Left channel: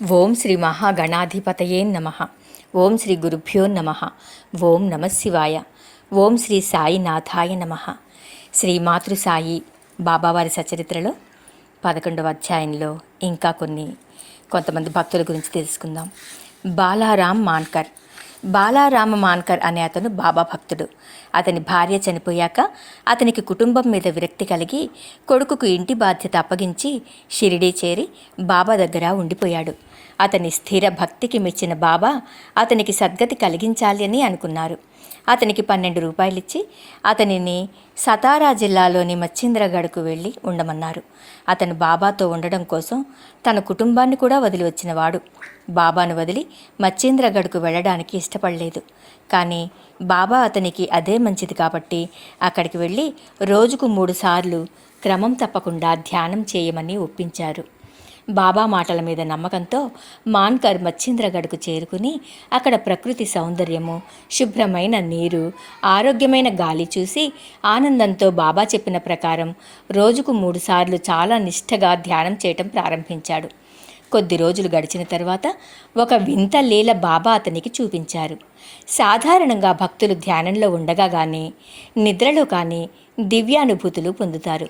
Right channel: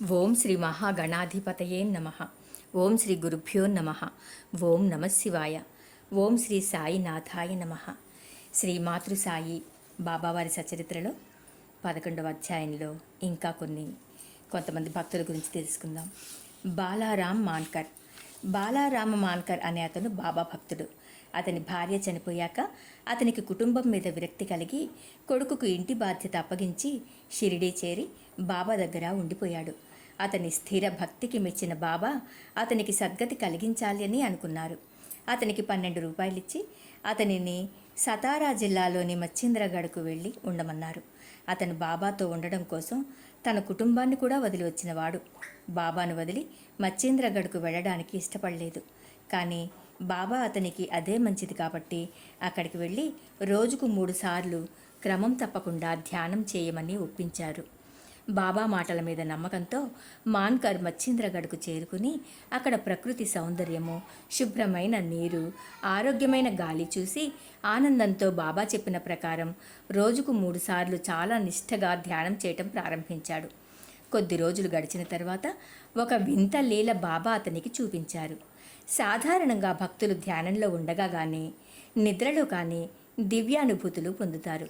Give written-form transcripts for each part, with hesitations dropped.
ఓం శ్రీ మహాగణాధిపతయే నమ. ఓం శ్రీ గురుభ్యో నమ. ఓం నమ శివాయ. ఓం శ్రీ సాయినాథాయ నమ. శ్రీ మాతృసాయి బాబావారి సచరిత్రలో 11వ అధ్యాయంలో ఇంకా కొంతమంది భక్తుల గురించి తెలుసుకుందాం. బాలారాం మాన్కర్. బాలారామ మాన్కర్ అనే అతను బాబా భక్తుడు. అతని భార్య చనిపోయాక అతనికి కుటుంబం మీద విరక్తి కలిగి కొడుకుకు ఇంటి బాధ్యత అప్పగించి షిరిడీ చేరి బాబా దగ్గర ఉండిపోయాడు. అతని స్థిర భక్తికి మెచ్చిన బాబా అతనికి సద్గతి కలిగించాలి అని అనుకున్నారు. అతనికి 12 రూపాయలిచ్చి అతనిని సతారా జిల్లాలోని మచ్చింద్రగఢ్కు వెళ్ళి ఉండమన్నారు. అతను బాబాతో ఉండడం కోసం తన కుటుంబాన్ని కూడా వదిలి వచ్చినవాడు. బాబాను వదిలి మచ్చింద్రగఢ్కు వెళ్ళడానికి ఇష్టపడలేదు. కానీ బాబా అతనికి అదే మంచిది కాబట్టి అక్కడికి వెళ్ళి రోజుకు 3 సార్లు క్రమం తప్పకుండా ధ్యానం చేయమని ఒప్పించారు. బాబా మాటల మీద నమ్మకంతో మాన్కర్ మచ్చింద్రగఢ్కు చేరుకుని అక్కడ ప్రకృతి సౌందర్యము, శుభ్రమైన నీరు, ఆరోగ్యమైన గాలి చూసి ఆనందంతో బాబా చెప్పిన ప్రకారం రోజుకు 3 సార్లు చాలా నిష్ఠగా ధ్యానం చేయటం ప్రారంభించాడు. కొద్ది రోజులు గడిచిన తర్వాత ఒక వింత లీల బాబా అతనికి చూపించారు. సాధారణంగా భక్తులు ధ్యానంలో ఉండగా కానీ నిద్రలో కానీ దివ్యానుభూతులు పొందుతారు.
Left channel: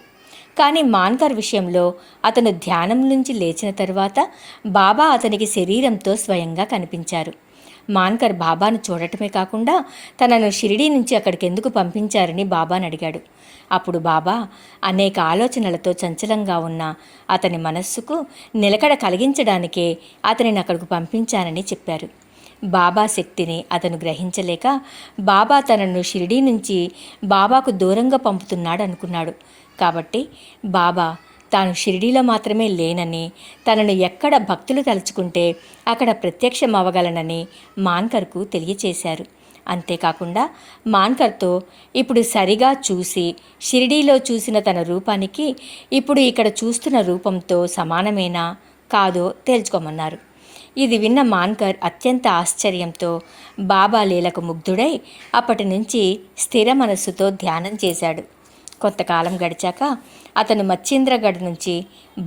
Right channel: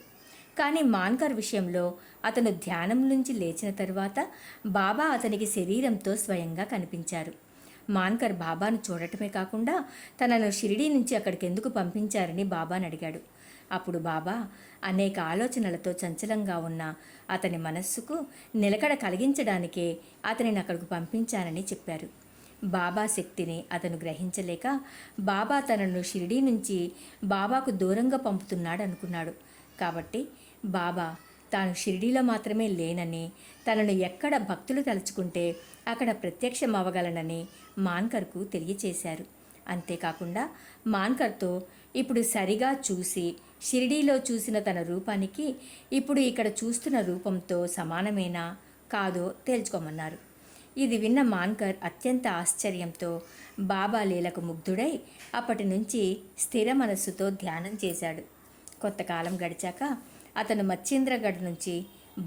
కానీ మాన్కర్ విషయంలో అతను ధ్యానం నుంచి లేచిన తర్వాత బాబా అతనికి శరీరంతో స్వయంగా కనిపించారు. మాన్కర్ బాబాను చూడటమే కాకుండా తనను షిరిడీ నుంచి అక్కడికి ఎందుకు పంపించారని బాబాను అడిగాడు. అప్పుడు బాబా అనేక ఆలోచనలతో చంచలంగా ఉన్న అతని మనస్సుకు నిలకడ కలిగించడానికే అతనిని అక్కడికి పంపించానని చెప్పారు. బాబా శక్తిని అతను గ్రహించలేక బాబా తనను షిరిడీ నుంచి బాబాకు దూరంగా పంపుతున్నాడు అనుకున్నాడు. కాబట్టి బాబా తాను షిరిడీలో మాత్రమే లేనని, తనను ఎక్కడ భక్తులు తలుచుకుంటే అక్కడ ప్రత్యక్షమవగలనని మాన్కర్కు తెలియచేశారు. అంతేకాకుండా మాన్కర్తో ఇప్పుడు సరిగా చూసి షిరిడీలో చూసిన తన రూపానికి ఇప్పుడు ఇక్కడ చూస్తున్న రూపంతో సమానమేనా కాదో తేల్చుకోమన్నారు. ఇది విన్న మాన్కర్ అత్యంత ఆశ్చర్యంతో బాబా లీలకు ముగ్ధుడై అప్పటి నుంచి స్థిర మనస్సుతో ధ్యానం చేశాడు. కొంతకాలం గడిచాక అతను మచ్చింద్రగఢ్ నుంచి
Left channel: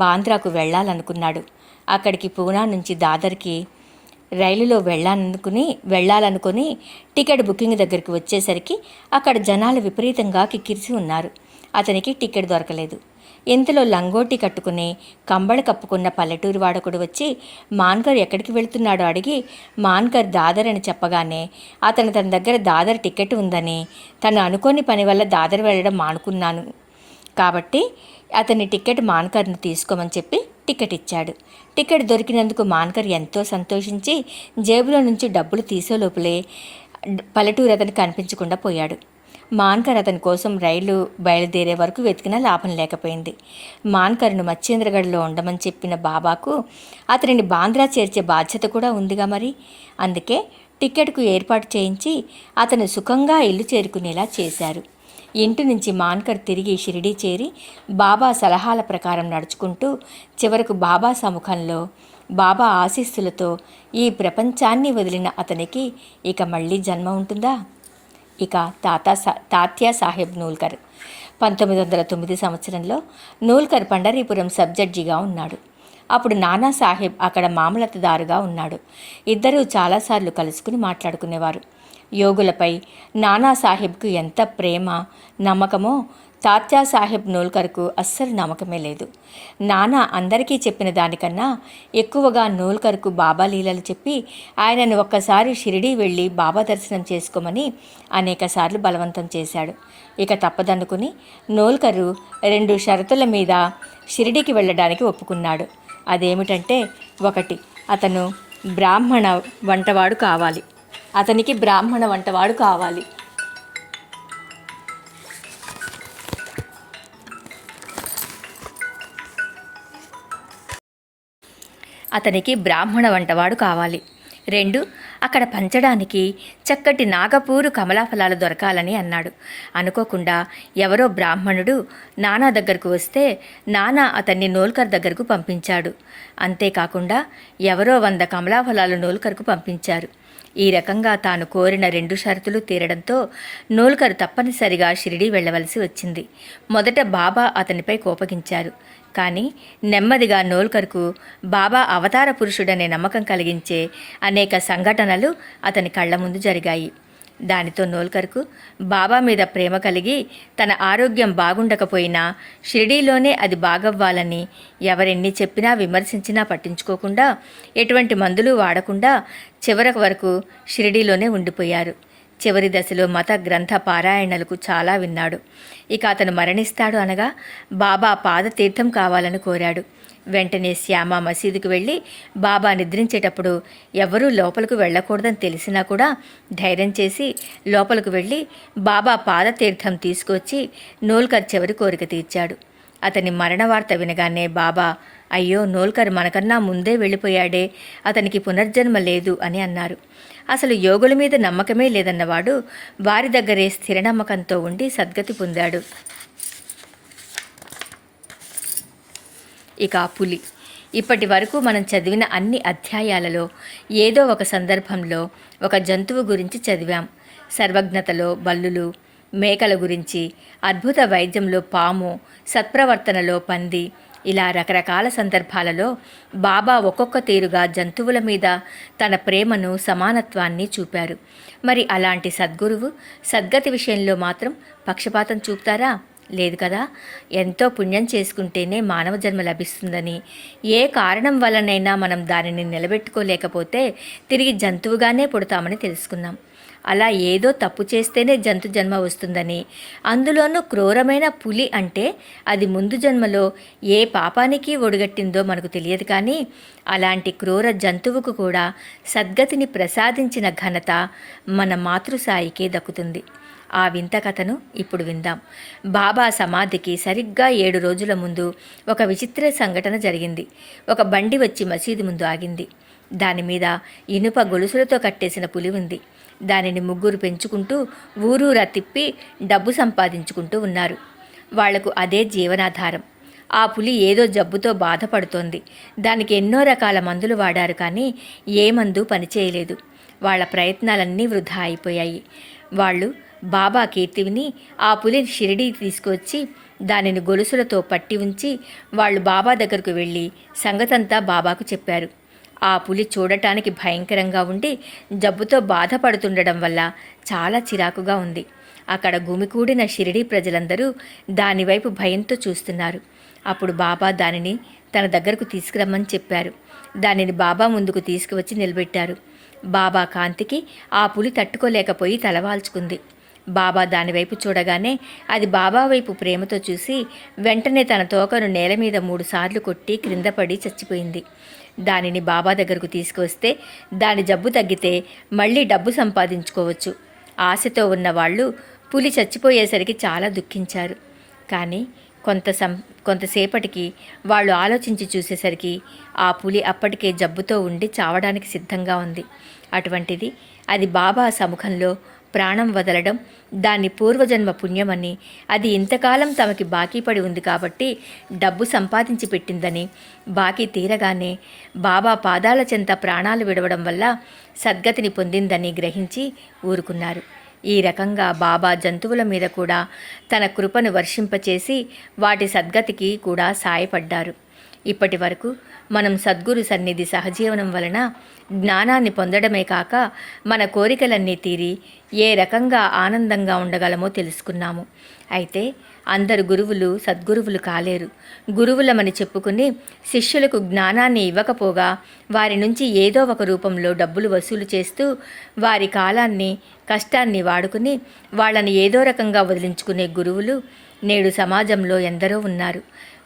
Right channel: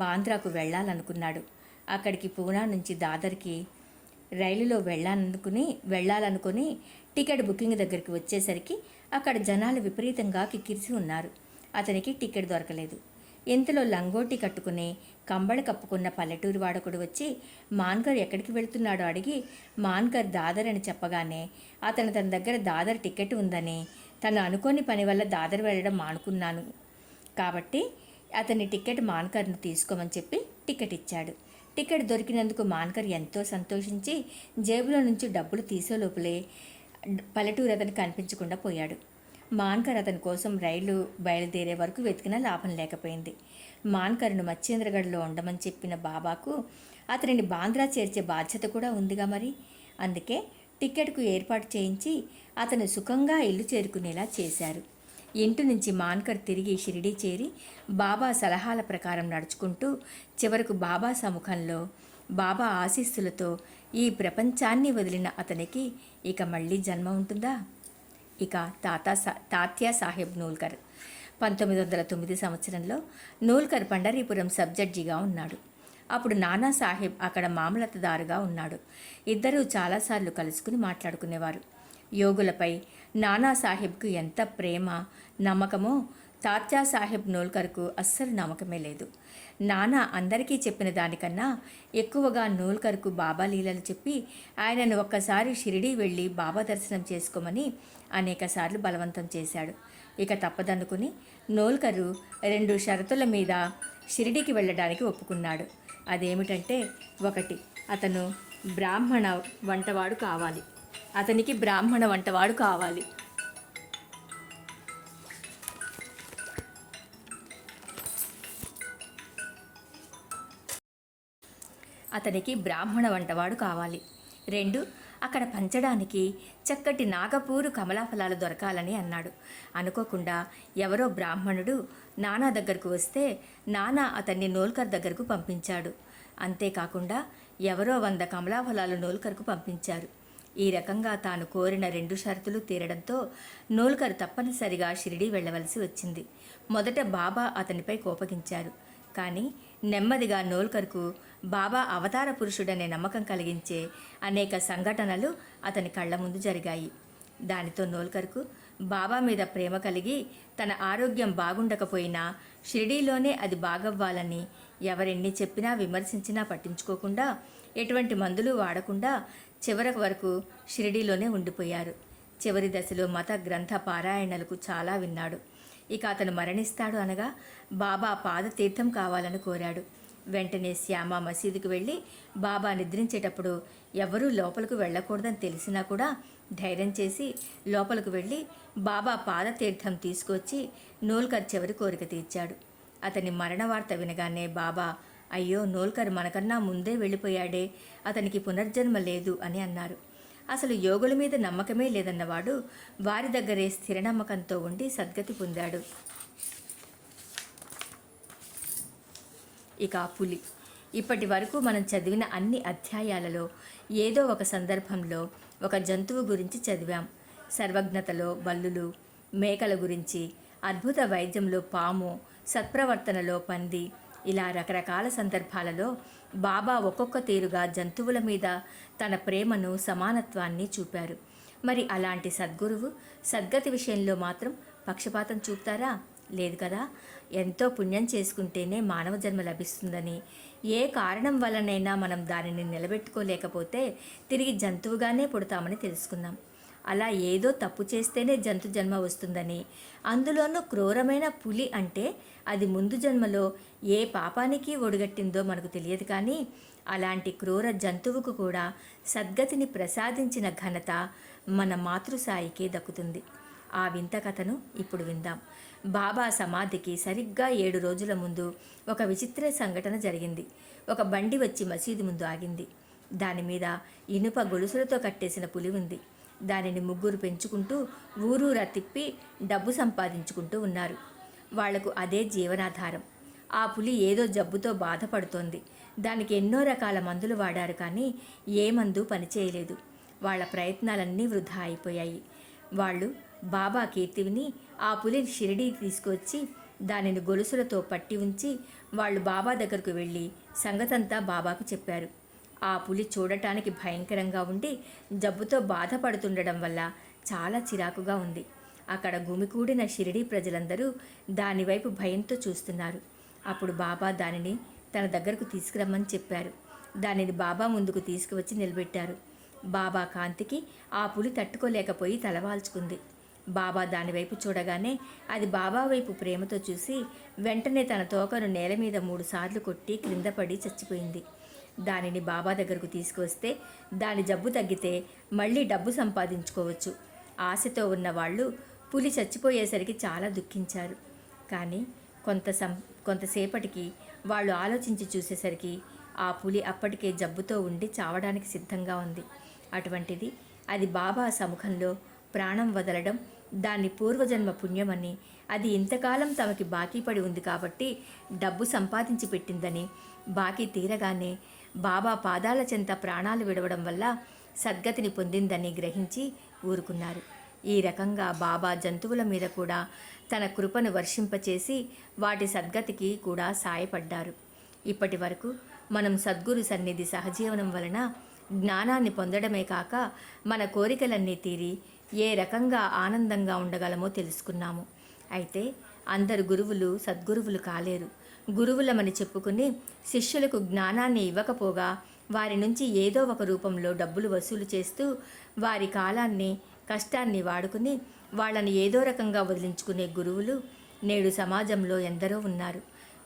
బాంద్రాకు వెళ్ళాలనుకున్నాడు. అక్కడికి పూనా నుంచి దాదర్కి రైలులో వెళ్ళాలనుకుని టికెట్ బుకింగ్ దగ్గరికి వచ్చేసరికి అక్కడ జనాలు విపరీతంగా కిక్కిరిసి ఉన్నారు. అతనికి టికెట్ దొరకలేదు. ఇంతలో లంగోటి కట్టుకుని కంబళి కప్పుకున్న పల్లెటూరి వాడకుడు వచ్చి మాన్కర్ ఎక్కడికి వెళుతున్నాడో అడిగి మాన్కర్ దాదర్ అని చెప్పగానే అతను తన దగ్గర దాదర్ టికెట్ ఉందని, తను అనుకోని పని వల్ల దాదర్ వెళ్ళడం మానుకున్నాను కాబట్టి అతని టికెట్ మాన్కర్ను తీసుకోమని చెప్పి టికెట్ ఇచ్చాడు. టికెట్ దొరికినందుకు మాన్కర్ ఎంతో సంతోషించి జేబులో నుంచి డబ్బులు తీసే లోపలే పల్లెటూరు అతనికి కనిపించకుండా పోయాడు. మాన్కర్ అతని కోసం రైలు బయలుదేరే వరకు వెతికినా లాభం లేకపోయింది. మాన్కర్ను మచ్చేంద్రగఢ్లో ఉండమని చెప్పిన బాబాకు అతనిని బాంద్రా చేర్చే బాధ్యత కూడా ఉందిగా మరి. అందుకే టికెట్కు ఏర్పాటు చేయించి అతను సుఖంగా ఇల్లు చేరుకునేలా చేశారు. ఇంటి నుంచి మాన్కర్ తిరిగి షిరిడీ చేరి బాబా సలహాల ప్రకారం నడుచుకుంటూ చివరకు బాబా సముఖంలో బాబా ఆశీస్సులతో ఈ ప్రపంచాన్ని వదిలిన అతనికి ఇక మళ్ళీ జన్మ ఉంటుందా? ఇక తాత్యా సాహెబ్ నూల్కర్. 1909 సంవత్సరంలో నూల్కర్ పండరీపురం సబ్ జడ్జిగా ఉన్నాడు. అప్పుడు నానా సాహెబ్ అక్కడ మామలతదారుగా ఉన్నాడు. ఇద్దరూ చాలాసార్లు కలుసుకుని మాట్లాడుకునేవారు. యోగులపై నానా సాహెబ్కు ఎంత ప్రేమ, నమ్మకమో తాత్యా సాహెబ్ నూల్కర్కు అస్సలు నమ్మకమే లేదు. నానా అందరికీ చెప్పిన దానికన్నా ఎక్కువగా నూల్కర్కు బాబా లీలలు చెప్పి ఆయనను ఒక్కసారి షిరిడీ వెళ్ళి బాబా దర్శనం చేసుకోమని అనేకసార్లు బలవంతం చేశాడు. ఇక తప్పదనుకుని నూల్కరు 2 షరతుల మీద షిరిడీకి వెళ్ళడానికి ఒప్పుకున్నాడు. అదేమిటంటే, 1, అతను బ్రాహ్మణ వంటవాడు కావాలి. అతనికి బ్రాహ్మణ వంటవాడు కావాలి. అతనికి బ్రాహ్మణ వంటవాడు కావాలి. 2, అక్కడ పంచడానికి చక్కటి నాగపూరు కమలాఫలాలు దొరకాలని అన్నాడు. అనుకోకుండా ఎవరో బ్రాహ్మణుడు నానా దగ్గరకు వస్తే నానా అతన్ని నూల్కర్ దగ్గరకు పంపించాడు. అంతేకాకుండా ఎవరో 100 కమలాఫలాలు నూల్కర్కు పంపించారు. ఈ రకంగా తాను కోరిన 2 షరతులు తీరడంతో నూల్కర్ తప్పనిసరిగా షిరిడీ వెళ్ళవలసి వచ్చింది. మొదట బాబా అతనిపై కోపగించారు. కానీ నెమ్మదిగా నోల్కర్కు బాబా అవతార పురుషుడనే నమ్మకం కలిగించే అనేక సంఘటనలు అతని కళ్ళ ముందు జరిగాయి. దానితో నోల్కర్కు బాబా మీద ప్రేమ కలిగి తన ఆరోగ్యం బాగుండకపోయినా షిరిడీలోనే అది బాగవ్వాలని ఎవరెన్ని చెప్పినా విమర్శించినా పట్టించుకోకుండా ఎటువంటి మందులు వాడకుండా చివరి వరకు షిరిడీలోనే ఉండిపోయారు. చివరి దశలో మత గ్రంథ పారాయణలకు చాలా విన్నాడు. ఇక అతను మరణిస్తాడు అనగా బాబా పాదతీర్థం కావాలని కోరాడు. వెంటనే శ్యామ మసీదుకు వెళ్ళి బాబా నిద్రించేటప్పుడు ఎవరూ లోపలికి వెళ్ళకూడదని తెలిసినా కూడా ధైర్యం చేసి లోపలికి వెళ్ళి బాబా పాదతీర్థం తీసుకొచ్చి నోల్కర్ చివరి కోరిక తీర్చాడు. అతని మరణ వార్త వినగానే బాబా, అయ్యో నోల్కర్ మనకన్నా ముందే వెళ్ళిపోయాడే, అతనికి పునర్జన్మ లేదు అని అన్నారు. అసలు యోగుల మీద నమ్మకమే లేదన్నవాడు వారి దగ్గరే స్థిర నమ్మకంతో ఉండి సద్గతి పొందాడు. ఇక పులి. ఇప్పటి వరకు మనం చదివిన అన్ని అధ్యాయాలలో ఏదో ఒక సందర్భంలో ఒక జంతువు గురించి చదివాం. సర్వజ్ఞతలో బల్లులు, మేకల గురించి, అద్భుత వైద్యంలో పాము, సత్ప్రవర్తనలో పంది, ఇలా రకరకాల సందర్భాలలో బాబా ఒక్కొక్క తీరుగా జంతువుల మీద తన ప్రేమను, సమానత్వాన్ని చూపారు. మరి అలాంటి సద్గురువు సద్గతి విషయంలో మాత్రం పక్షపాతం చూపుతారా? లేదు కదా. ఎంతో పుణ్యం చేసుకుంటేనే మానవ జన్మ లభిస్తుందని, ఏ కారణం వల్లనైనా మనం దానిని నిలబెట్టుకోలేకపోతే తిరిగి జంతువుగానే పుడతామని తెలుసుకున్నాం. అలా ఏదో తప్పు చేస్తేనే జంతు జన్మ వస్తుందని, అందులోనూ క్రూరమైన పులి అంటే అది ముందు జన్మలో ఏ పాపానికి ఒడిగట్టిందో మనకు తెలియదు. కానీ అలాంటి క్రూర జంతువుకు కూడా సద్గతిని ప్రసాదించిన ఘనత మన మాతృసాయికే దక్కుతుంది. ఆ వింత కథను ఇప్పుడు విందాం. బాబా సమాధికి సరిగ్గా 7 రోజుల ముందు ఒక విచిత్ర సంఘటన జరిగింది. ఒక బండి వచ్చి మసీదు ముందు ఆగింది. దానిమీద ఇనుప గొలుసులతో కట్టేసిన పులి ఉంది. దానిని ముగ్గురు పెంచుకుంటూ ఊరూరా తిప్పి డబ్బు సంపాదించుకుంటూ ఉన్నారు. వాళ్లకు అదే జీవనాధారం. ఆ పులి ఏదో జబ్బుతో బాధపడుతోంది. దానికి ఎన్నో రకాల మందులు వాడారు, కానీ ఏ మందు పనిచేయలేదు. వాళ్ళ ప్రయత్నాలన్నీ వృధా అయిపోయాయి. వాళ్ళు బాబా కీర్తి విని ఆ పులిని షిరిడీ తీసుకువచ్చి దానిని గొలుసులతో పట్టి ఉంచి వాళ్ళు బాబా దగ్గరకు వెళ్ళి సంగతంతా బాబాకు చెప్పారు. ఆ పులి చూడటానికి భయంకరంగా ఉండి జబ్బుతో బాధపడుతుండడం వల్ల చాలా చిరాకుగా ఉంది. అక్కడ గుమికూడిన షిరిడీ ప్రజలందరూ దానివైపు భయంతో చూస్తున్నారు. అప్పుడు బాబా దానిని తన దగ్గరకు తీసుకురమ్మని చెప్పారు. దానిని బాబా ముందుకు తీసుకువచ్చి నిలబెట్టారు. బాబా కాంతికి ఆ పులి తట్టుకోలేకపోయి తలవాల్చుకుంది. బాబా దానివైపు చూడగానే అది బాబా వైపు ప్రేమతో చూసి వెంటనే తన తోకను నేల మీద 3 సార్లు కొట్టి క్రింద పడి చచ్చిపోయింది. దానిని బాబా దగ్గరకు తీసుకువస్తే దాని జబ్బు తగ్గితే మళ్ళీ డబ్బు సంపాదించుకోవచ్చు. ఆశతో ఉన్న వాళ్ళు పులి చచ్చిపోయేసరికి చాలా దుఃఖించారు. కానీ కొంతసేపటికి వాళ్ళు ఆలోచించి చూసేసరికి ఆ పులి అప్పటికే జబ్బుతో ఉండి చావడానికి సిద్ధంగా ఉంది. అటువంటిది అది బాబా సముఖంలో ప్రాణం వదలడం దాని పూర్వజన్మ పుణ్యమని, అది ఇంతకాలం తమకి బాకీ పడి ఉంది కాబట్టి డబ్బు సంపాదించి పెట్టిందని, బాకీ తీరగానే బాబా పాదాల చెంత ప్రాణాలు విడవడం వల్ల సద్గతిని పొందిందని గ్రహించి ఊరుకున్నారు. ఈ రకంగా బాబా జంతువుల మీద కూడా తన కృపను వర్షింపచేసి వాటి సద్గతికి కూడా సాయపడ్డారు. ఇప్పటి వరకు మనం సద్గురు సన్నిధి సహజీవనం వలన జ్ఞానాన్ని పొందడమే కాక మన కోరికలన్నీ తీరి ఏ రకంగా ఆనందంగా ఉండగలమో తెలుసుకున్నాము. అయితే అందరు గురువులు సద్గురువులు కాలేరు. గురువులమని చెప్పుకుని శిష్యులకు జ్ఞానాన్ని ఇవ్వకపోగా వారి నుంచి ఏదో ఒక రూపంలో డబ్బులు వసూలు చేస్తూ వారి కాలాన్ని కష్టాన్ని వాడుకుని వాళ్ళని ఏదో రకంగా వదిలించుకునే గురువులు నేడు సమాజంలో ఎందరో ఉన్నారు.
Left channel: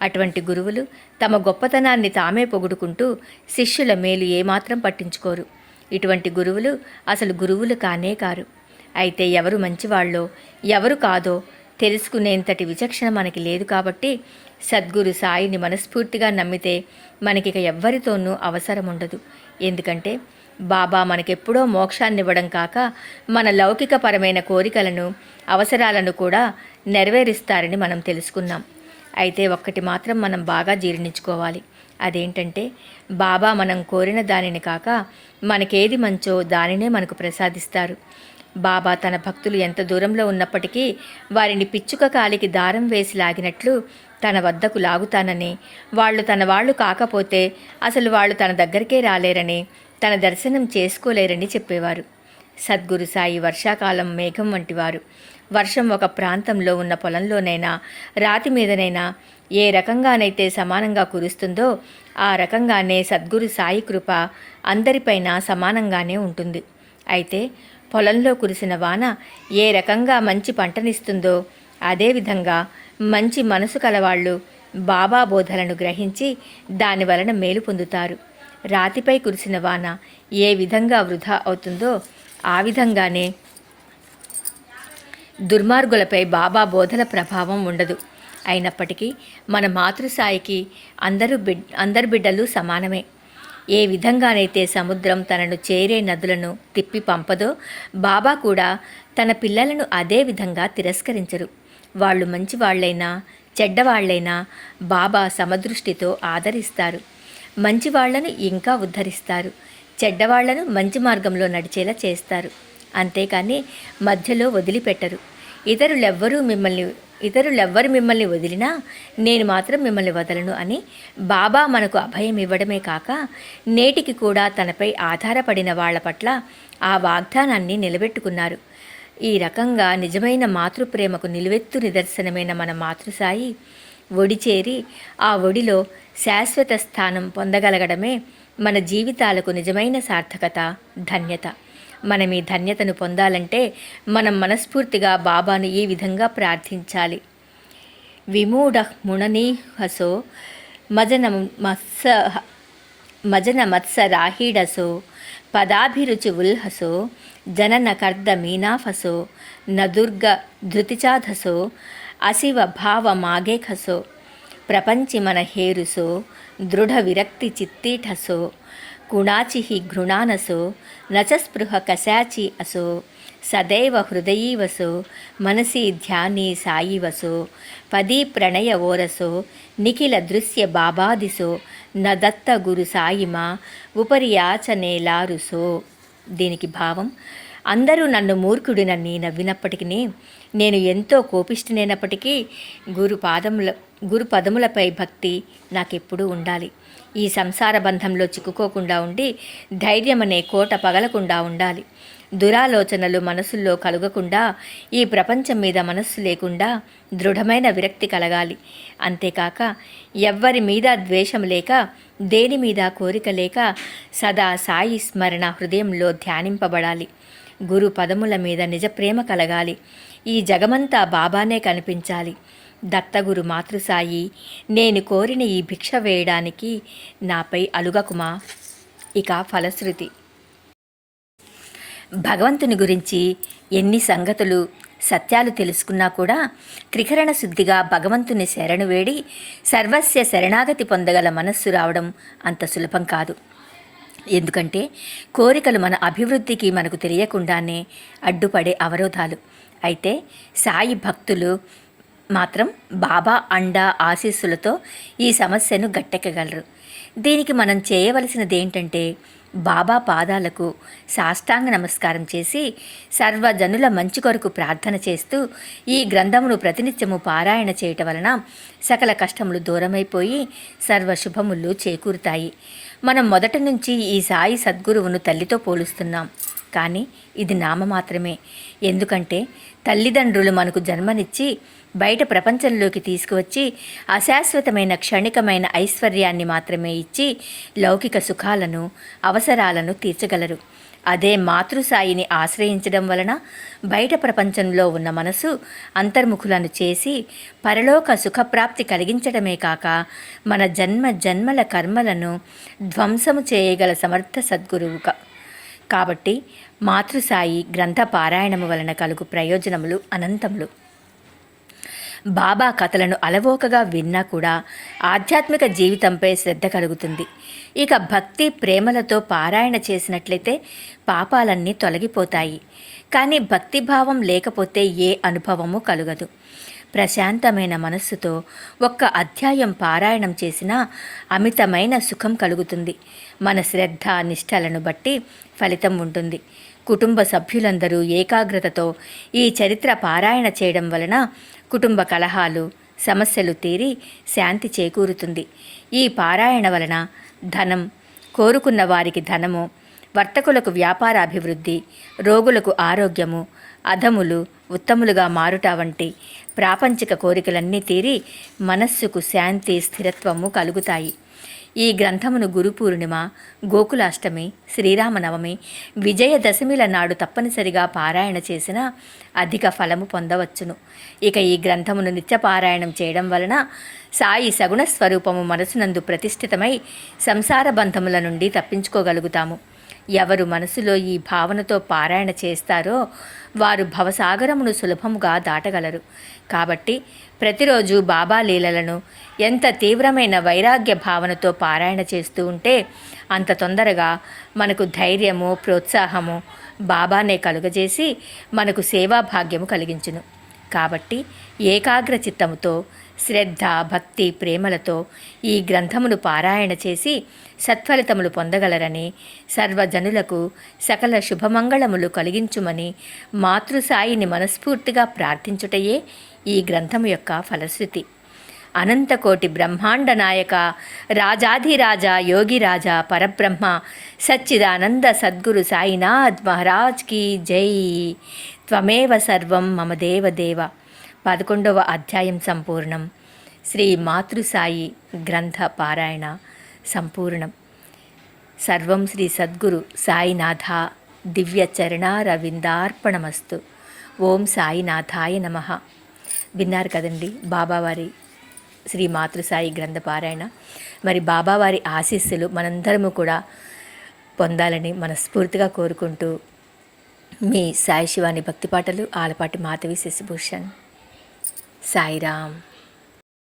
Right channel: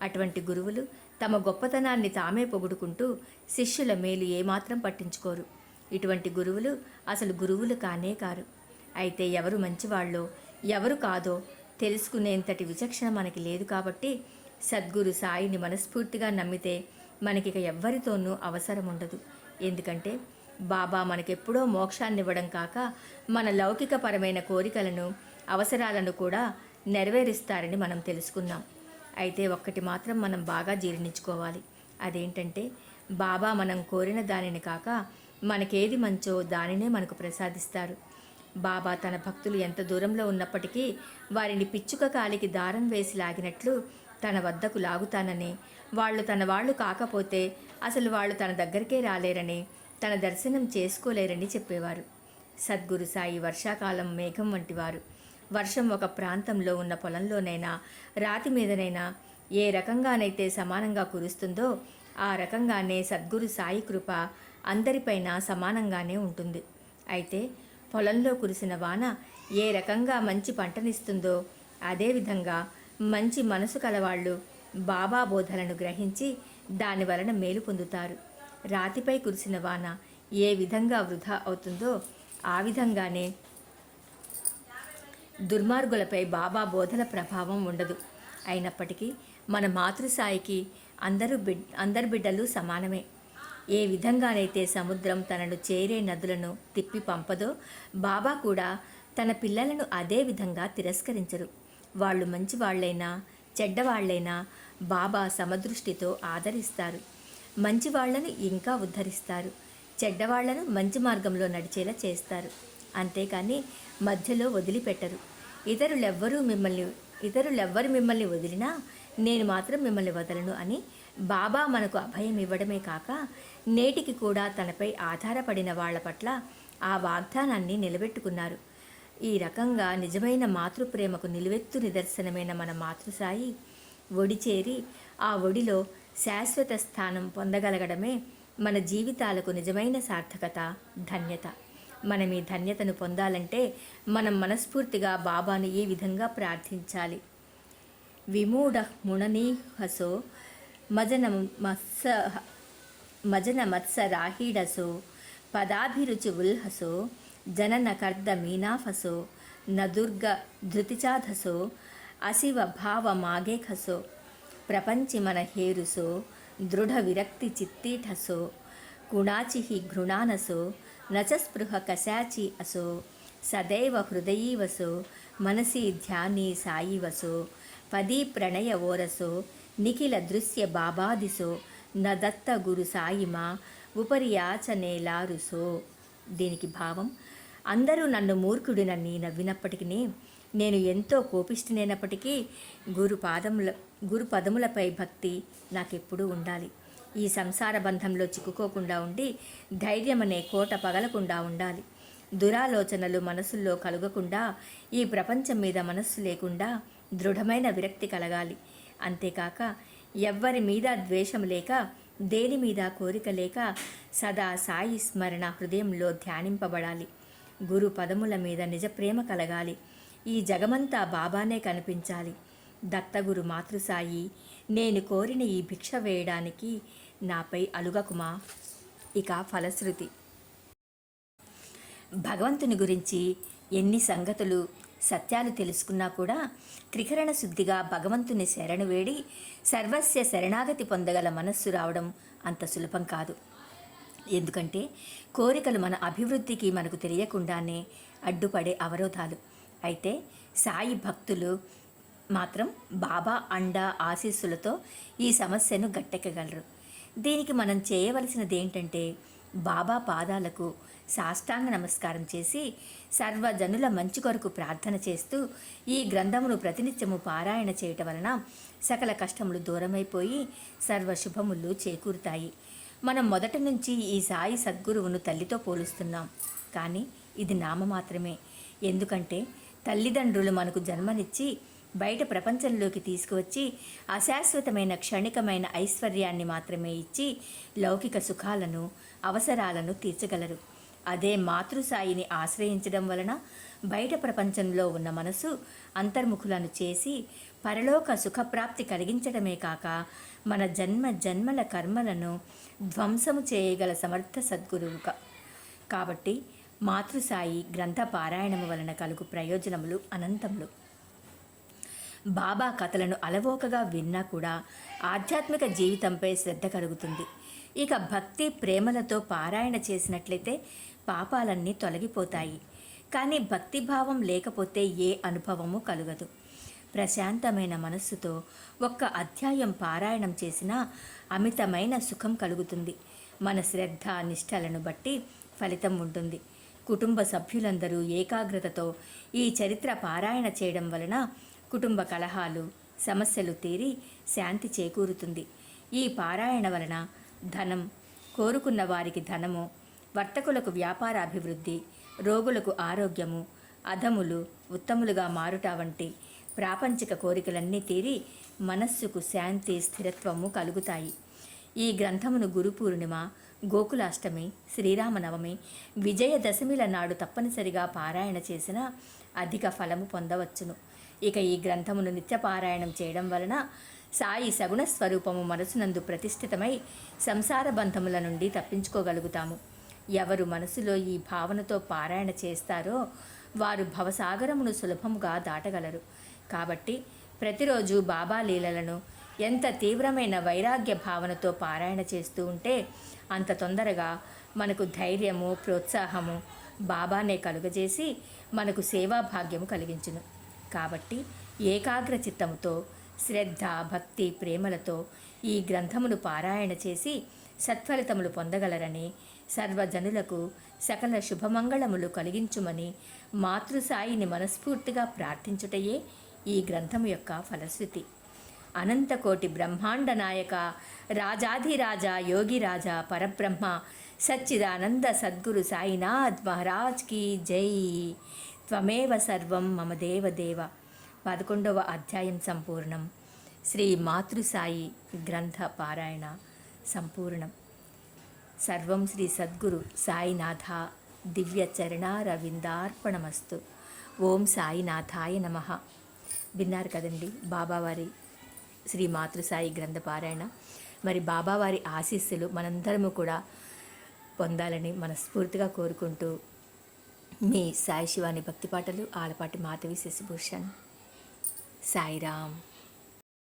అటువంటి గురువులు తమ గొప్పతనాన్ని తామే పొగుడుకుంటూ శిష్యుల మేలు ఏమాత్రం పట్టించుకోరు. ఇటువంటి గురువులు అసలు గురువులు కానే కారు. అయితే ఎవరు మంచివాళ్ళో ఎవరు కాదో తెలుసుకునేంతటి విచక్షణ మనకి లేదు. కాబట్టి సద్గురు సాయిని మనస్ఫూర్తిగా నమ్మితే మనకిక ఎవ్వరితోనూ అవసరం ఉండదు. ఎందుకంటే బాబా మనకెప్పుడో మోక్షాన్నివ్వడం కాక మన లౌకికపరమైన కోరికలను అవసరాలను కూడా నెరవేరుస్తారని మనం తెలుసుకున్నాం. అయితే ఒక్కటి మాత్రం మనం బాగా జీర్ణించుకోవాలి. అదేంటంటే బాబా మనం కోరిన దానిని కాక మనకేది మంచో దానినే మనకు ప్రసాదిస్తారు. బాబా తన భక్తులు ఎంత దూరంలో ఉన్నప్పటికీ వారిని పిచ్చుక కాలికి దారం వేసి లాగినట్లు తన వద్దకు లాగుతానని, వాళ్ళు తన వాళ్ళు కాకపోతే అసలు వాళ్ళు తన దగ్గరికే రాలేరని, తన దర్శనం చేసుకోలేరని చెప్పేవారు. సద్గురు సాయి వర్షాకాలం మేఘం వంటివారు. వర్షం ఒక ప్రాంతంలో ఉన్న పొలంలోనైనా రాతి మీదనైనా ఏ రకంగానైతే సమానంగా కురుస్తుందో ఆ రకంగానే సద్గురు సాయి కృప అందరిపైన సమానంగానే ఉంటుంది. అయితే పొలంలో కురిసిన వాన ఏ రకంగా మంచి పంటనిస్తుందో అదేవిధంగా మంచి మనసు కలవాళ్ళు బాబా బోధలను గ్రహించి దాని వలన మేలు పొందుతారు. రాతిపై కురిసిన వాన ఏ విధంగా వృధా అవుతుందో ఆ విధంగానే దుర్మార్గులపై బాబా బోధల ప్రభావం ఉండదు. అయినప్పటికీ మన మాతృసాయికి అందరు బిడ్డలు సమానమే. ఏ విధంగానైతే సముద్రం తనను చేరే నదులను తిప్పి పంపదో బాబా కూడా తన పిల్లలను అదే విధంగా తిరస్కరించరు. వాళ్ళు మంచివాళ్లైనా చెడ్డవాళ్లైనా బాబా సమదృష్టితో ఆదరిస్తారు. మంచివాళ్లను ఇంకా ఉద్ధరిస్తారు, చెడ్డవాళ్లను మంచి మార్గంలో నడిచేలా చేస్తారు. అంతేకాని మధ్యలో వదిలిపెట్టరు. ఇతరులెవ్వరు మిమ్మల్ని వదిలినా నేను మాత్రం మిమ్మల్ని వదలను అని బాబా మనకు అభయం ఇవ్వడమే కాక నేటికి కూడా తనపై ఆధారపడిన వాళ్ల పట్ల ఆ వాగ్దానాన్ని నిలబెట్టుకున్నారు. ఈ రకంగా నిజమైన మాతృప్రేమకు నిలువెత్తు నిదర్శనమైన మన మాతృసాయి ఒడి చేరి ఆ ఒడిలో శాశ్వత స్థానం పొందగలగడమే మన జీవితాలకు నిజమైన సార్థకత, ధన్యత. మనం ఈ ధన్యతను పొందాలంటే మనం మనస్ఫూర్తిగా బాబాను ఈ విధంగా ప్రార్థించాలి. విమూఢ ముననీహసో మజన మత్సరాహీడసో పదాభిరుచి ఉల్హసో జనన కర్ద మీనాఫసో నదుర్గ ధృతిచాధసో అశివ భావ మాగేఖసో ప్రపంచి మన హేరుసో దృఢ విరక్తి చిత్తీఠసో గుణాచి ఘృణానసో నచస్పృహ కశాచి అసో సదైవ హృదయీవసో మనసి ధ్యాని సాయివసో పదీ ప్రణయ ఓరసో నిఖిల దృశ్య బాబాదిసో నదత్త గురు సాయిమా ఉపరియాచనేలారుసో. దీనికి భావం: అందరూ నన్ను మూర్ఖుడినని నవ్వినప్పటికీ, నేను ఎంతో కోపిష్ఠునైనప్పటికీ గురు పదములపై భక్తి నాకెప్పుడూ ఉండాలి. ఈ సంసార బంధంలో చిక్కుకోకుండా ఉండి ధైర్యమనే కోట పగలకుండా ఉండాలి. దురాలోచనలు మనసుల్లో కలుగకుండా, ఈ ప్రపంచం మీద మనస్సు లేకుండా దృఢమైన విరక్తి కలగాలి. అంతేకాక ఎవ్వరి మీద ద్వేషం లేక, దేని మీద కోరిక లేక సదా సాయి స్మరణ హృదయంలో ధ్యానింపబడాలి. గురు పదముల మీద నిజ ప్రేమ కలగాలి. ఈ జగమంతా బాబానే కనిపించాలి. దత్తగురు మాతృసాయి, నేను కోరిన ఈ భిక్ష వేయడానికి నాపై అలుగకుమా. ఇక ఫలశ్రుతి: భగవంతుని గురించి ఎన్ని సంగతులు సత్యాలు తెలుసుకున్నా కూడా త్రికరణ శుద్ధిగా భగవంతుని శరణు వేడి సర్వస్య శరణాగతి పొందగల మనస్సు రావడం అంత సులభం కాదు. ఎందుకంటే కోరికలు మన అభివృద్ధికి మనకు తెలియకుండానే అడ్డుపడే అవరోధాలు. అయితే సాయి భక్తులు మాత్రం బాబా అండా ఆశీస్సులతో ఈ సమస్యను గట్టెక్కగలరు. దీనికి మనం చేయవలసినది ఏంటంటే, బాబా పాదాలకు సాష్టాంగ నమస్కారం చేసి సర్వజనుల మంచి కొరకు ప్రార్థన చేస్తూ ఈ గ్రంథమును ప్రతినిత్యము పారాయణ చేయటం వలన సకల కష్టములు దూరమైపోయి సర్వశుభములు చేకూరుతాయి. మనం మొదటి నుంచి ఈ సాయి సద్గురువును తల్లితో పోలుస్తున్నాం, కానీ ఇది నామ మాత్రమే. ఎందుకంటే తల్లిదండ్రులు మనకు జన్మనిచ్చి బయట ప్రపంచంలోకి తీసుకువచ్చి అశాశ్వతమైన క్షణికమైన ఐశ్వర్యాన్ని మాత్రమే ఇచ్చి లౌకిక సుఖాలను, అవసరాలను తీర్చగలరు. అదే మాతృసాయిని ఆశ్రయించడం వలన బయట ప్రపంచంలో ఉన్న మనసు అంతర్ముఖులను చేసి పరలోక సుఖప్రాప్తి కలిగించడమే కాక మన జన్మల కర్మలను ధ్వంసము చేయగల సమర్థ సద్గురువు. కాబట్టి మాతృసాయి గ్రంథ పారాయణము వలన కలుగు ప్రయోజనములు అనంతములు. బాబా కథలను అలవోకగా విన్నా కూడా ఆధ్యాత్మిక జీవితంపై శ్రద్ధ కలుగుతుంది. ఇక భక్తి ప్రేమలతో పారాయణ చేసినట్లయితే పాపాలన్నీ తొలగిపోతాయి. కానీ భక్తిభావం లేకపోతే ఏ అనుభవము కలుగదు. ప్రశాంతమైన మనస్సుతో ఒక్క అధ్యాయం పారాయణం చేసినా అమితమైన సుఖం కలుగుతుంది. మన శ్రద్ధ నిష్టలను బట్టి ఫలితం ఉంటుంది. కుటుంబ సభ్యులందరూ ఏకాగ్రతతో ఈ చరిత్ర పారాయణ చేయడం వలన కుటుంబ కలహాలు, సమస్యలు తీరి శాంతి చేకూరుతుంది. ఈ పారాయణ వలన ధనం, కోరుకున్న వారికి ధనము, వర్తకులకు వ్యాపార అభివృద్ధి, రోగులకు ఆరోగ్యము, అధములు ఉత్తములుగా మారుట వంటి ప్రాపంచిక కోరికలన్నీ తీరి మనస్సుకు శాంతి, స్థిరత్వము కలుగుతాయి. ఈ గ్రంథమును గురు పూర్ణిమ, గోకులాష్టమి, శ్రీరామనవమి, విజయదశమిల నాడు తప్పనిసరిగా పారాయణ చేసిన అధిక ఫలము పొందవచ్చును. ఇక ఈ గ్రంథమును నిత్యపారాయణం చేయడం వలన సాయి సగుణ స్వరూపము మనసునందు ప్రతిష్ఠితమై సంసార బంధముల నుండి తప్పించుకోగలుగుతాము. ఎవరు మనసులో ఈ భావనతో పారాయణ చేస్తారో వారు భవసాగరమును సులభముగా దాటగలరు. కాబట్టి ప్రతిరోజు బాబా లీలలను ఎంత తీవ్రమైన వైరాగ్య భావనతో పారాయణ చేస్తూ ఉంటే అంత తొందరగా మనకు ధైర్యము, ప్రోత్సాహము బాబానే కలుగజేసి మనకు సేవాభాగ్యము కలిగించును. కాబట్టి ఏకాగ్ర చిత్తముతో, శ్రద్ధ, భక్తి, ప్రేమలతో ఈ గ్రంథమును పారాయణ చేసి సత్ఫలితములు పొందగలరని, సర్వజనులకు సకల శుభమంగళములు కలిగించుమని మాతృసాయిని మనస్ఫూర్తిగా ప్రార్థించుటయే ఈ గ్రంథము యొక్క ఫలశ్రుతి. అనంతకోటి బ్రహ్మాండ నాయక, రాజాధిరాజా, యోగిరాజా, పరబ్రహ్మ, సచ్చిదానంద సద్గురు సాయినాథ్ మహారాజ్ కీ జై. త్వమేవ సర్వం మమ దేవదేవ. 11వ అధ్యాయం సంపూర్ణం. శ్రీ మాతృసాయి గ్రంథ పారాయణ సంపూర్ణం. సర్వం శ్రీ సద్గురు సాయినాథ దివ్య చరణారవిందార్పణమస్తు. ఓం సాయినాథాయ నమః. విన్నారు కదండి బాబావారి శ్రీ మాతృసాయి గ్రంథ పారాయణ. మరి బాబావారి ఆశీస్సులు మనందరము కూడా పొందాలని మనస్ఫూర్తిగా కోరుకుంటూ మీ సాయి శివాని భక్తి పాటలు ఆలపాటి మాధవి శశిభూషణ్. సాయిరామ్.